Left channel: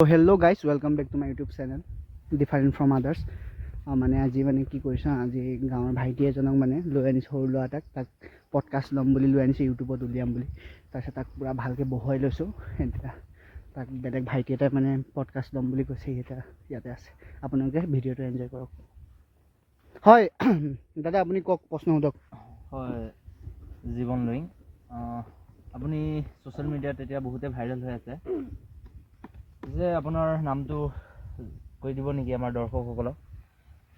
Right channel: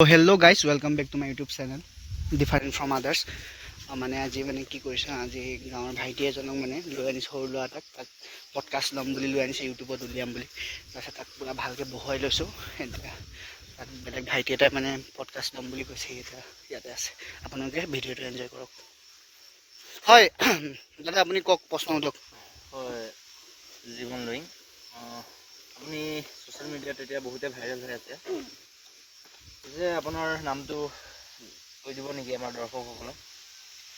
So hello guys, welcome back to my YouTube channel different from others. মানে আজি মানে কি কৰিছো আজি গাঁৱৰ ভাইটি এজনক মানে লৈ আনিছো সৰু ল'ৰা তাক পডকাষ্ট ল'ম বুলি লৈ আনিছো ইউটিউবত উলিয়াম বুলি তাৰপিছত তাক পুৰা ভালকৈ বহুৱাই লৈছো এতিয়া তাক বেলেগ ভাইটি এটাই মানে পডকাষ্ট ল'ম বুলি কৈছে এতিয়া ইয়াতে আছে আপোনালোকে ভিডিঅ'টো এনজয় কৰক হয় দাদা আপুনি কওক প্ৰশ্ন সোধক হয় জীৱন লৈ আপুনি ছ'চিয়েল মিডিয়াত এতিয়া বহুতে ভাইৰেল হৈ আছে যে আপোনাৰ নামটো কৈ দিব নেকি আমাৰ দৰ্শকসকলক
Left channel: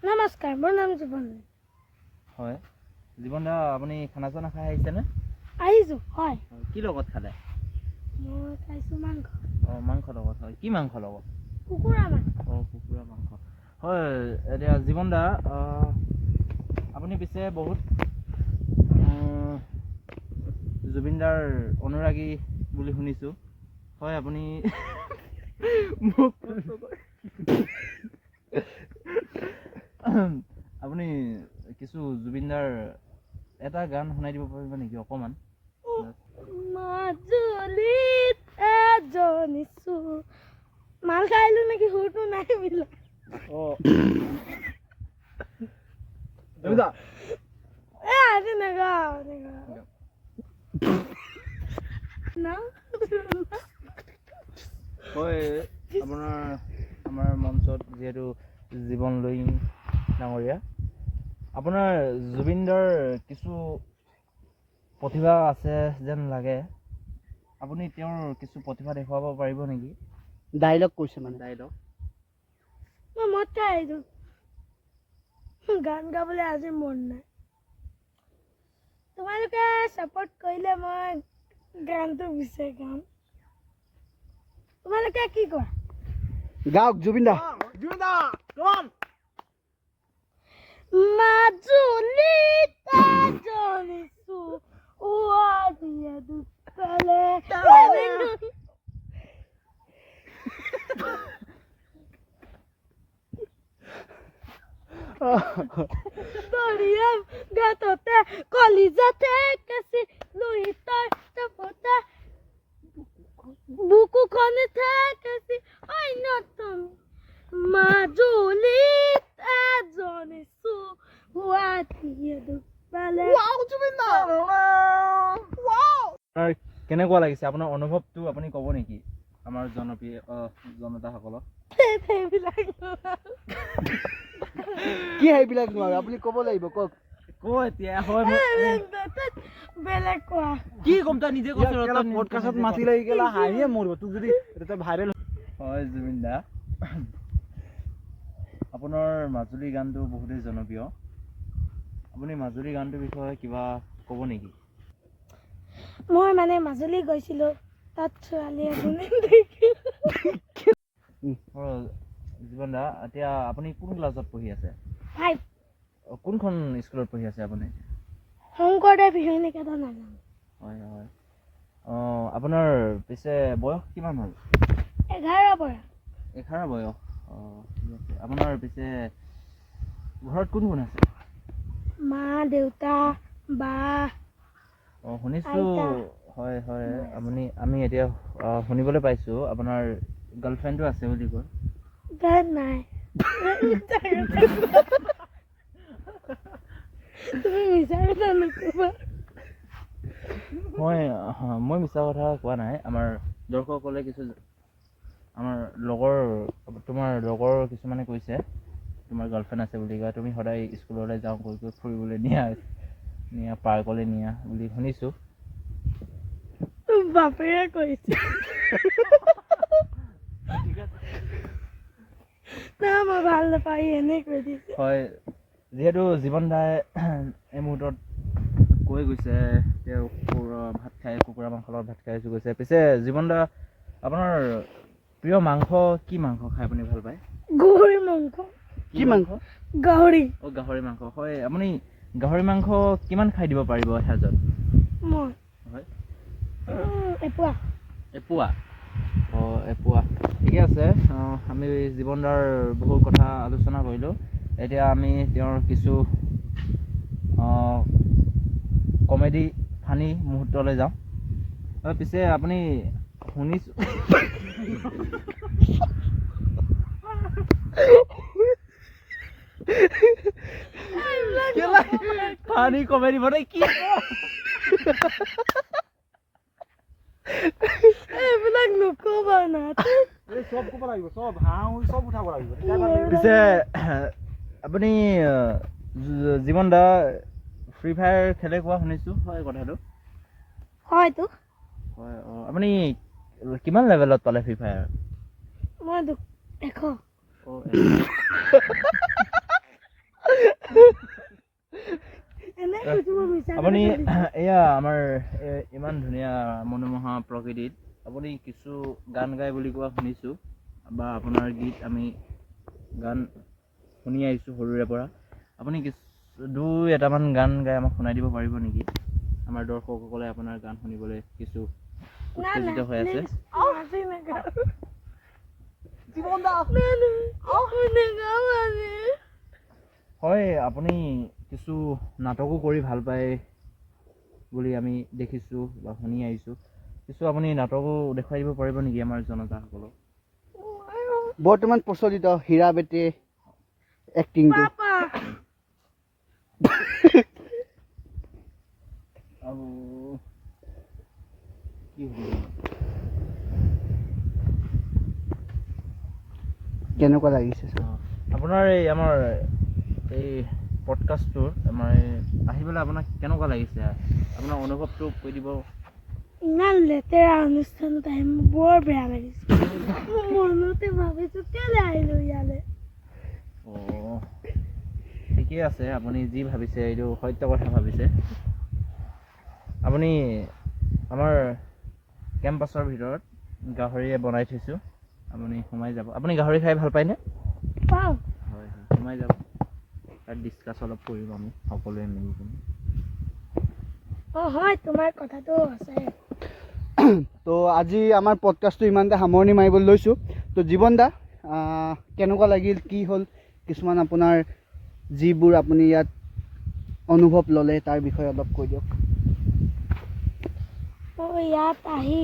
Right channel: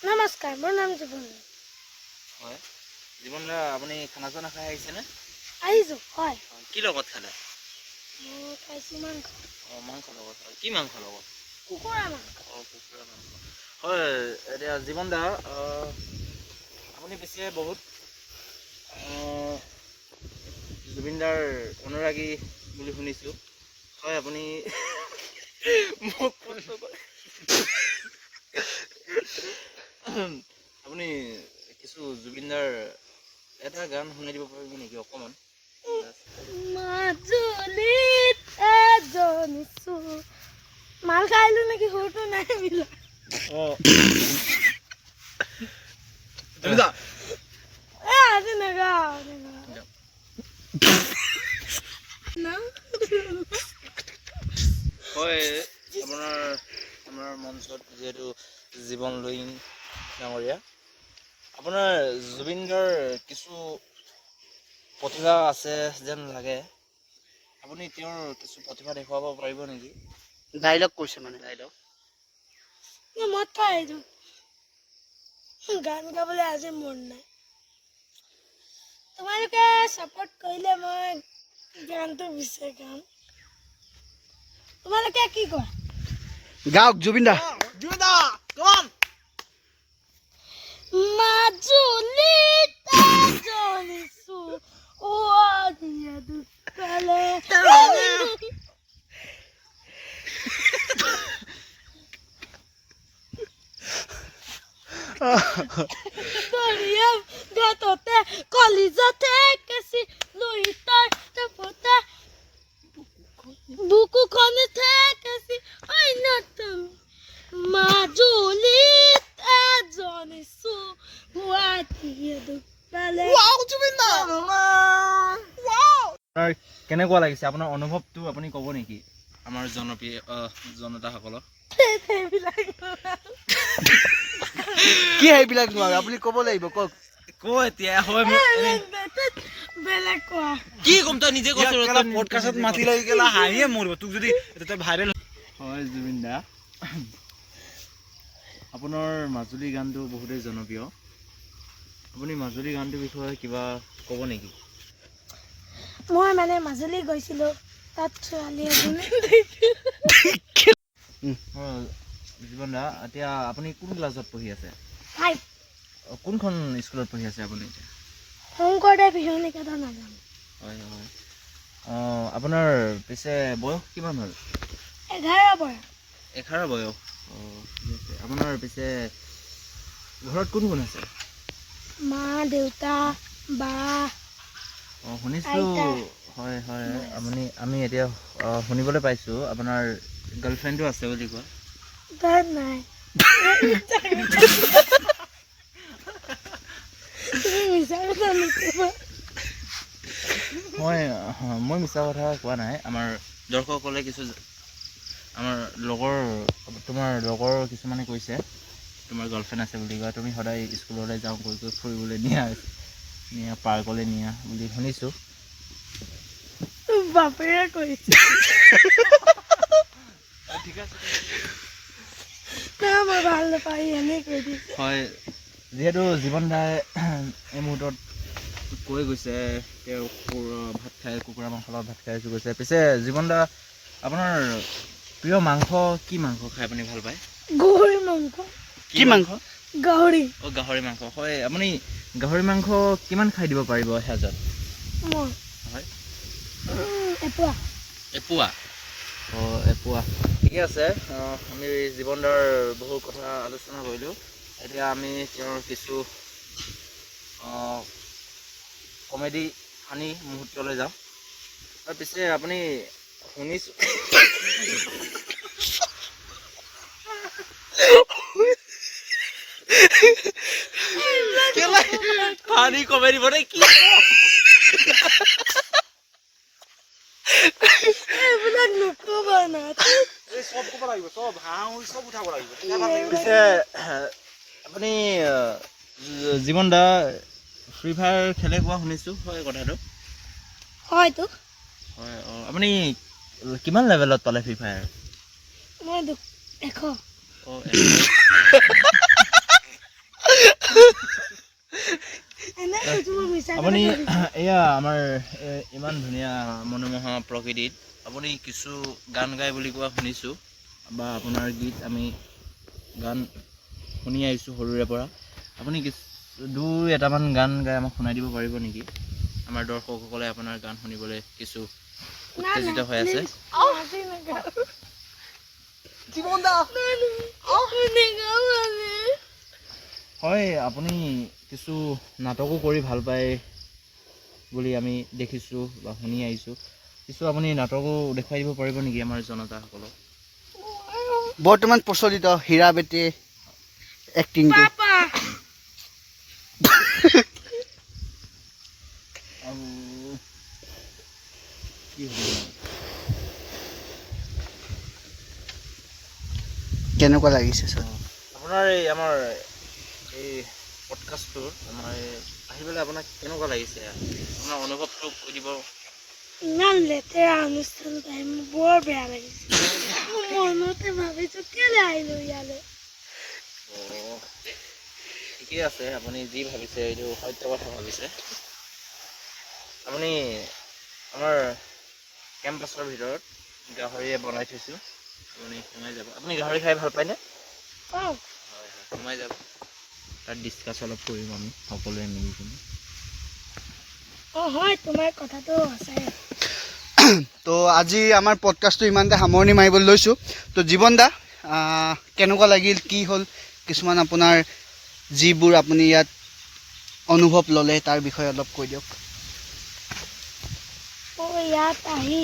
নমস্কাৰ মোৰ নাম জীৱন হয় জীৱন দা আপুনি খানা চানা খাই আহিছেনে আহিছোঁ হয় কি লগত খালে মই খাইছোঁ মাংস মাংস লগত হয় কি মাংস লগত কুকুৰা মাংস কুকুৰা মাংস হয় এতিয়া জীৱন দা আপুনি পিছে বহুত জুবিনদাৰ অনুৰাগী বুলি শুনিছোঁ হয় আপুনি মোক আপুনি কিছু জুবিনদাৰ এটা গান শুনাই দিব পাৰিব নেকি অকণমান মাজুলীত এজনী মাল খাইলোঁ নেকি সুৰটো নাই মিলা আজি নাগাওঁ হয় আমাৰ মঞ্চত যিহেতু জীৱন লৈ ডাঙৰীয়া আপোনাৰ জুবিনদাৰ কিছু প্ৰতিভা আছে যেন লাগে আপুনি তেওঁৰ কিছু প্ৰতিভা দেখুৱাব পাৰিব নেকি ডাইলগ কৈছে মানে ডাইলগ মই মদ খাই আহিছোঁ গান গাবলৈ আজি মন নাই তোমালোকে ছাপোৰ্ট কৰিলে মই গানটো বিচাৰি গাম তোমালোকে কি কোৱা গাওক জুবিন দা মাজুলীত এজনী ছোৱালীয়ে দুটালে দৰিয়া গাততে কলিজাতে কেঁচি লুইতাৰ টাপতে বুকুখনি থেকেছি অন্যতম মাজুলীত এজনী ছোৱালীয়ে দুটালে কেনেকুৱা লাগিছে আপোনাৰ অনুভৱটো আপুনি ক'ব নেকি আমাৰ জনপ্ৰিয় জনতাসকলক কি সেইবিলাক নোৱাৰে আপুনি ক'ব লাগিব কওক এতিয়া হয় বেলেগ কোৱা কি ক'ম তই নিজে পডকাষ্টত মাতি লাগি গেলা হাঁহিয়ে মৰিব তোক যদি এটা ভাইৰেল হয় জুবিন দা আপোনাৰ মাজুলী গানটো বহুতেই জনপ্ৰিয় আপুনি মাজুলী গানটোৰ বিষয়ে কিবা ক'ব নেকি মই মানে মাজুলী গৈছিলোঁ তাত ছোৱালী এজনী জীৱন দা এতিয়া আপুনি কোন ক্লাছত পঢ়ি আছে 5 কোনখন স্কুলত পঢ়ি আছে আপুনি শংকৰদেৱ শিশু নিকেতন নাজানো হয় হয় আপোনাৰ পিছে বয়স কিমান হ'ল 11 পৰা 11 বয়স ঠিক আছে আপোনাৰ পিছে ঘৰত কোন কোন আছে মা দেউতা বা শুনিছোঁ হয় হয় আমি এতিয়া শুনিবলৈ পাইছোঁ আপোনাৰ গাৰ্লফ্ৰেণ্ডো আছে বুলি কয় তাত নাই তুমি মিছা কথা নকবা মই মিছা কথা কোৱা নাই আমাৰ দৰ্শকসকলে কিছু আমাৰ তোমাৰ লগৰ কিছুমানে কৈছে তোমাৰ গাৰ্লফ্ৰেণ্ড আছে বুলি কয় তুমি সদায় স্কুললৈ যাওঁ কৈ ফুৰিবলৈ নিয়া পাৰ্কলৈ নিয়া বুলি শুনিছোঁ বাপেৰে কৈছে না মই ভাল নাপাই এনেই কৈ দিছোঁ হয় যিহেতু জীৱন দাই এই মুহূৰ্তত কৈ গৈছে তেওঁ ভাত খাই কুকুৰা মাংসৰ লগত ভাত খাই আছোঁ কৈছে পিছে জীৱন দা আপোনাৰ প্ৰিয় মাংস কি মাংস খাই আপুনি ভাল পায় গাহৰি মাংস কি মাংস গাহৰি মাংস হয় আপুনি গাহৰি মাংস কিমান খাই দিব পাৰিব এসাঁজত মই হয় এপোৱা এপোৱা ঠিকে আছে আমি জীৱন দাৰ বহু কথা আলোচনা কৰিলোঁ এতিয়া আমি তেওঁৰ কিছু কমেডি ফানি মুহূৰ্তলৈ যাওঁ পিছে আপুনি শুনিছোঁ জানি কমেডি বনাই কি এইবিলাক নকবা না পিছে আপুনি জীৱন দা ফ্ৰী ফায়াৰ খেলে কোৱা শুনিছোঁ হয় কথাটো হয়তো হয় আপুনি কিমান লেভেলত পালে ফ্ৰী ফায়াৰ মই 100 এনে কৈছো মই মিছা আপুনি এয়া আমাৰ ইমান ধুনীয়া মনোমোহা প্ৰকৃতিত আপুনি কিছু গান গায় বুলি কোৱা শুনিছোঁ বা আপোনাৰ গীত আমি গান শুনি আহিছোঁ সৰুৰে পৰা আপুনি দুই এটামান গান গাই আমাক শুনাই দিব পাৰিব নেকি আমাৰ দৰ্শকসকলে আপোনাৰ গান শুনিবলৈ কিছু উত্তেজিত হৈ আছে হয় আপুনি কিছু নাটকো কৰি ভাল পায় বুলি আমি দেখিছোঁ বা শুনি আহিছোঁ কিছু আপুনি নাটকো দেখুৱাই দিব পাৰিব নেকি আমাৰ জনতাসকলক বৰ্তমান প্ৰচলিত হীৰা বেটে এক্টিংটো আৰু কি কেনেকুৱা লাগিছে ছাৰ আপোনাৰ এই আমাৰ এই পডকাষ্টটোৰ আমাৰ আহি পেলাই আপোনাক কেনেকুৱা লাগিছে আপোনাৰ অনুভৱটো কৈ দিব ইমান লেতেৰা অনুষ্ঠানত আহি মোৰ বৰ বেয়া লাগিছে মনতে ভাবিছো কেলে আহিলো ইয়ালৈ ঠিকেই আছে আপুনি যি ভাবিছে এইটো সত্য কথা ভাবিছে আপুনি আমাৰ কেম্পাছৰ ভিতৰত গাহৰিয়ে বনাই থৈছোঁ আপুনি সোমাই যাব আপুনি গাহৰি খাই ভাল পায়নে পাওঁ হয় হয় সোমাই যাব তাত ডিছকাছ অলপ কৰিম আমি সকলোৱে মিলি কিনে হয় তোমাৰ কথাটো সঁচাই তো আজি আমাৰ পডকাষ্টটো ইমানতে সামৰণি মাৰিবলৈ লৈছোঁ তো জীৱন দা কেনেকুৱা লাগিল কি হ'ল কিছুমান আপোনাৰ যিবোৰ আপুনি ইয়াত অনুভৱ ল'লে তাৰ বিষয়ে অলপ কৈ দিয়ক মোৰ ইয়াত আহি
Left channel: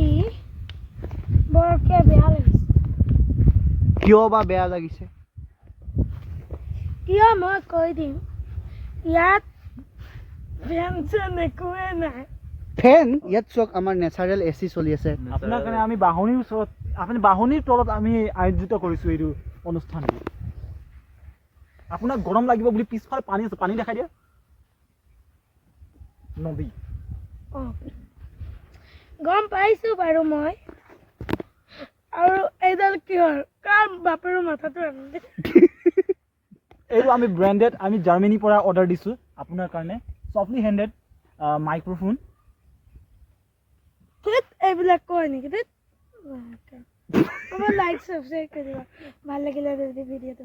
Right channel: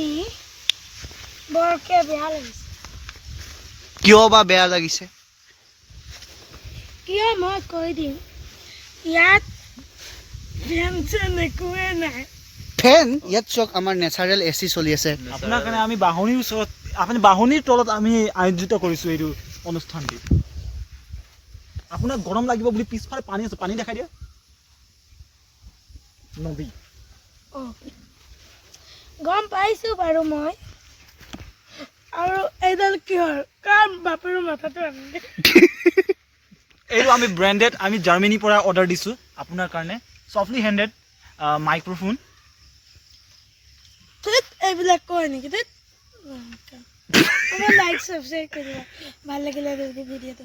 বৰকে বেয়া লাগিছে কিয় বা বেয়া লাগিছে কিয় মই কৈ দিম ইয়াত ফেন চেন একোৱে নাই ফেন ইয়াত চাওক আমাৰ নেচাৰেল AC চলি আছে আপোনাৰ কাৰণে আমি বাহনিৰ ওচৰত আপুনি বাহনিৰ তলত আমি আয়োজিত কৰিছোঁ এইটো অনুষ্ঠানটি আপোনাক গৰম লাগিব বুলি পিছফালে পানী আছে পানী দেখাই দিয়া নদী গম পাইছোঁ বাৰু মই আৰু এইডাল কিহৰ কাৰ বাপেৰৰ মাথাটো আনিলে এইটো আমি ব্ৰেণ্ডেড আমি জাৰ্মানীৰ পৰা অৰ্ডাৰ দিছোঁ আপোনাৰ কাৰণে চফ্টলি হেণ্ডেড মাইক্ৰফোন এইবিলাক কয় নেকি আমাৰ লাইক ছাবস্ক্ৰাইব কৰিবা ভাল লাগিলে ভিডিঅ'টো